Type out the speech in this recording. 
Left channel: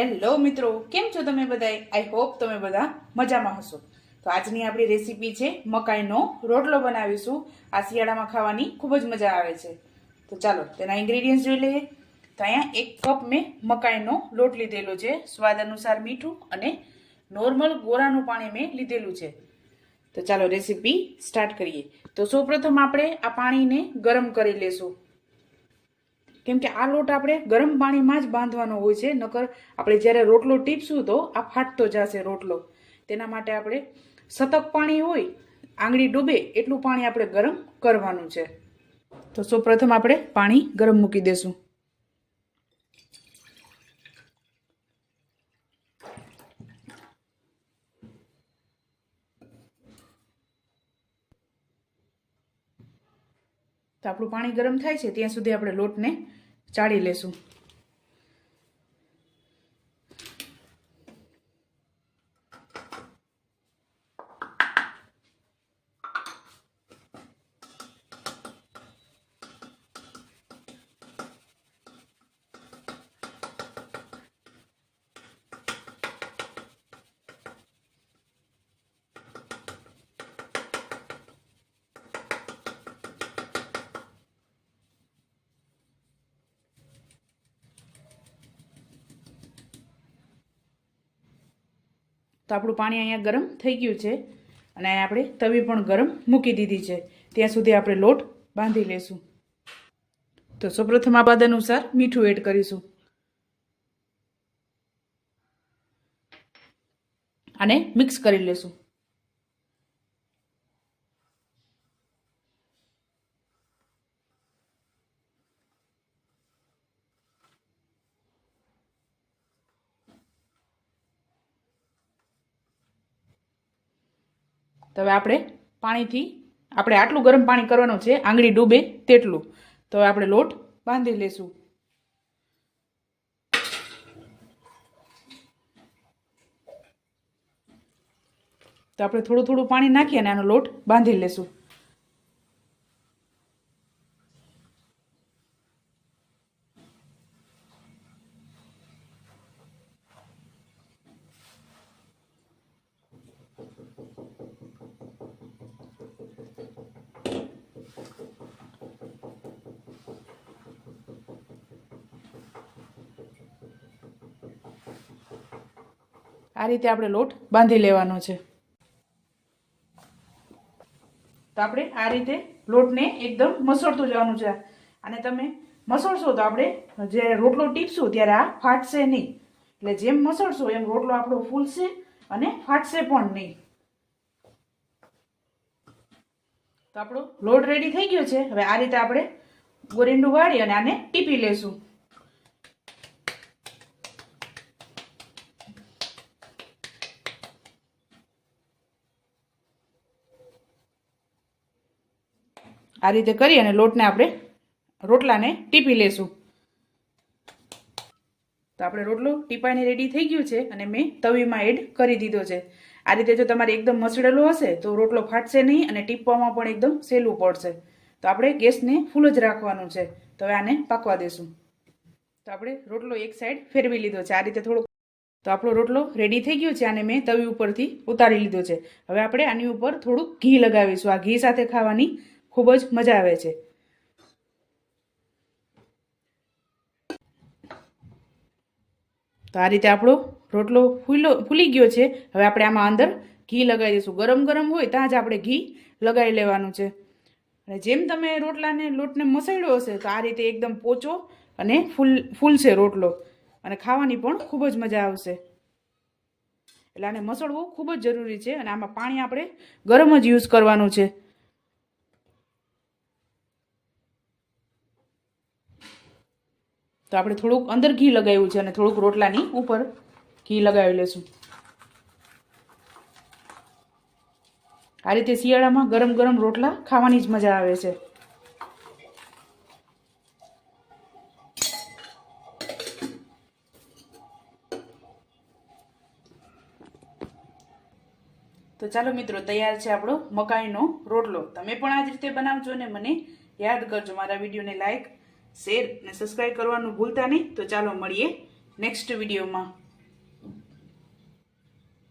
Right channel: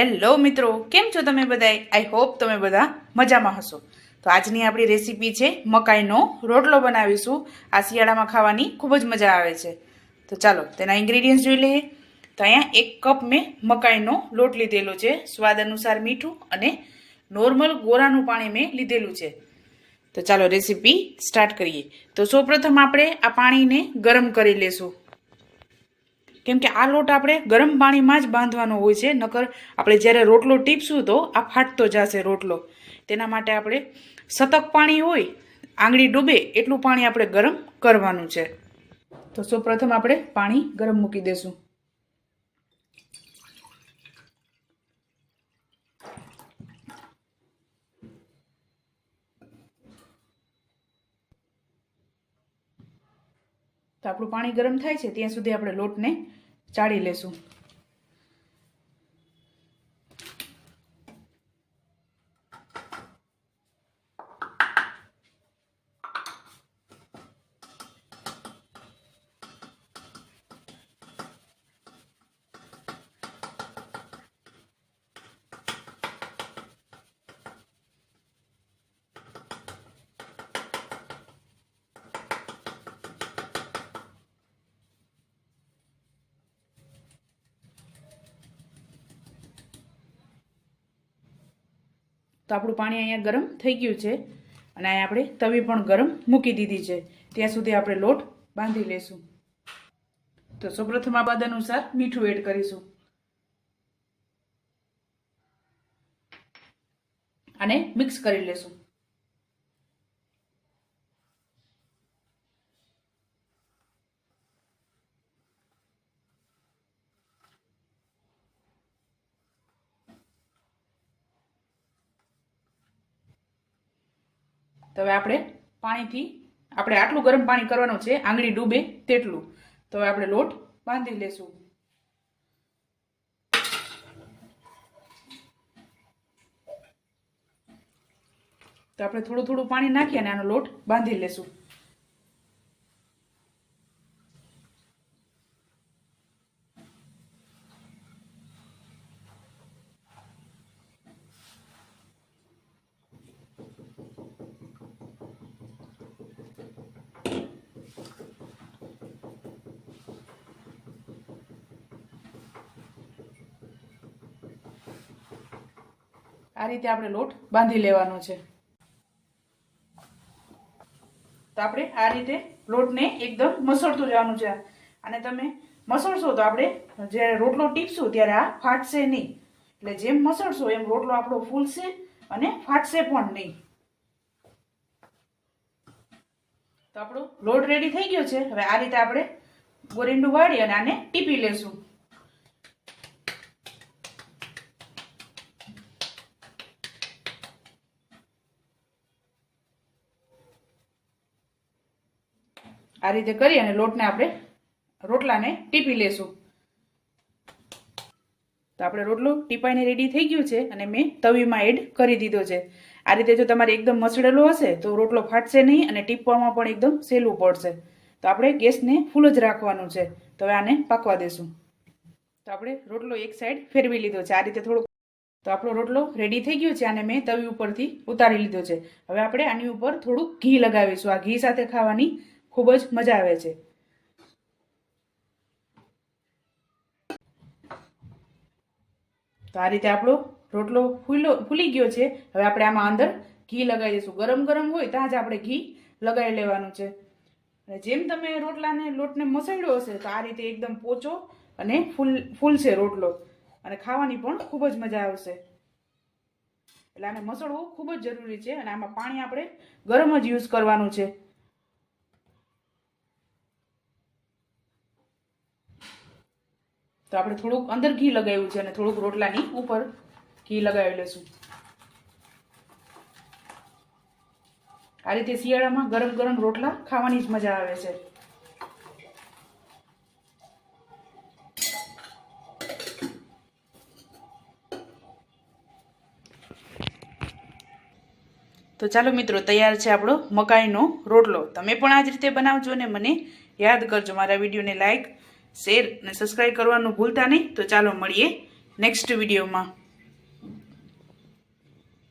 Hello મિત્રો, કેમ છો તમે બધા? આઈ હોપ તમે બધા મજામાં હશો. તો આજની આપણી રેસીપી છે મકાઈનો રોટલો બનાવીશું. આ શિયાળામાં ખાવાની ખૂબ જ મજા આવે છે. તો ચાલો તેના ઇન્ગ્રેડિયન્ટ્સ જોઈ લઈએ. તો અહીંયા 1 કપ મેં મકાઈનો લોટ લીધેલો છે. સ્વાદ અનુસાર મીઠું અને નોર્મલ ગોરાનું પાણી મેં લીધેલું છે. તો ચાલો રેસીપી સ્ટાર્ટ કરીએ. તો સૌપ્રથમ આપણે આ પાણીને ગરમ કરી લેશું. કેમ કે આ લોટ આપણે ગરમ પાણીમાં જ બાંધવાનો હોય છે, નકર આપણે જ્યારે રોટલો ટીપશું તો આ ફાટતો જશે રોટલો. તેના માટે આપણે સતક પાણી હોય, આંગળી ડૂબે એટલું પાણી આપણે ગરમ કરવાનું છે. તો સૌપ્રથમ આપણે પાણી ગરમ મૂકી દેશું. તો આપણું પાણી ગરમ થાય છે ત્યાં સુધી આપણે લોટને ચાળી લેશું. તો આપણું પાણી અહીંયા ગરમ થઈ ગયું છે અને અહીંયા આપણે તવી પણ ગરમ મૂકી દીધી છે. ત્યાં સુધી આપણે લોટ બાંધી લેશું. તો સૌપ્રથમ આ સ્વાદ અનુસાર મીઠું એડ કરીશું અને મિક્સ કરી લેશું. તો હવે આપણે આટલું ગરમ પાણી કરવાનું છે, આંગળી ડૂબે તેટલું. તો હવે આપણે લોટ બાંધી લેશું. તો આપણે થોડું થોડું પાણી નાખી અને આનો લોટ બાંધી લેશું. આ રીતે આપણે લોટ બાંધી લેવાનો છે. તો આપણે આ રીતે લોટને એકદમ મસળતું જવાનું છે. અને તમે મસળશો તો આપણે જ્યારે રોટલો ટીપશું ત્યારે આ ફાટશે નહીં. એટલે જેમ મસળશો એમ રોટલો આપણો ફૂલશે અને ફાટશે પણ નહીં. તો આપણો લોટ રેડી થઈ ગયો છે. હવે આ રીતે આપણે ગોરીંડું વાળી અને આને ટીપી લેશું. આ રીતે કરી અને લોટને આપણે રોટલાને ટીપી લેશું. તો આપણે રોટલો ટીપાઈને રેડી થઈ ગયું છે અને મેં તવીમાં એડ કરી દીધો છે. આ રીતે જો તમારે એકદમ મસળેલો હશે તો રોટલો ફાટશે નહીં અને ટીપવામાં પણ એકદમ સહેલું પડશે. તો આપણે ગેસને ફૂલ જ રાખવાનું છે. તો હવે આને પાકવા દેશું. તો આપણે રોટલો એક સાઈડ ફેરવી લીધો છે. આ રીતે થોડુંક. તો આપણો રોટલો રેડી થઈ ગયો છે અને મેં તવી ઉપરથી ઉતારી લીધો છે. હવે આપણે આની ઉપર થોડુંક ઘી લગાવીશું. આ ઘી સાથે ખાવાની ખૂબ જ મજા આવે છે. તો આ રીતે આપણો રોટલો ફૂલી ગયો છે. હવે આપણે આમાં અંદર ઘી લગાવી દઈશું. ગરમ ગરમ હોય ત્યાં જ આપણે ઘી લગાવી લેવાનું છે. અને જેમ તમે લોટને મસળ્યો હશે તો આ રીતે એકદમ પોચો અને ફૂલશે રોટલો અને ખાવાની પણ ખૂબ જ મજા આવશે. એટલે આને મસળવું ખૂબ જ જરૂરી છે. અને આમાં પાણી આપણે ગરમ જ યુઝ કરવાનું છે. તો આપણે થોડુંક અંદર ઘી લગાવ્યું છે અને થોડુંક રોટલાની ઉપર ઘી લગાવી લેશું. આ રીતે શિયાળામાં ગરમ ગરમ રોટલા ખાવાની જ મજા આવે છે. તો ચાલો મિત્રો, તૈયાર છે આપણો મકાઈનો રોટલો. તમે પણ આ જ રીતે બનાવજો અને મને યાદ કરજો. મારા વિડીયોને લાઈક, શેર અને સબસ્ક્રાઈબ કરવાનું ભૂલતા નહીં. તો ચાલો મળીએ નેક્સ્ટ વિડીયોમાં.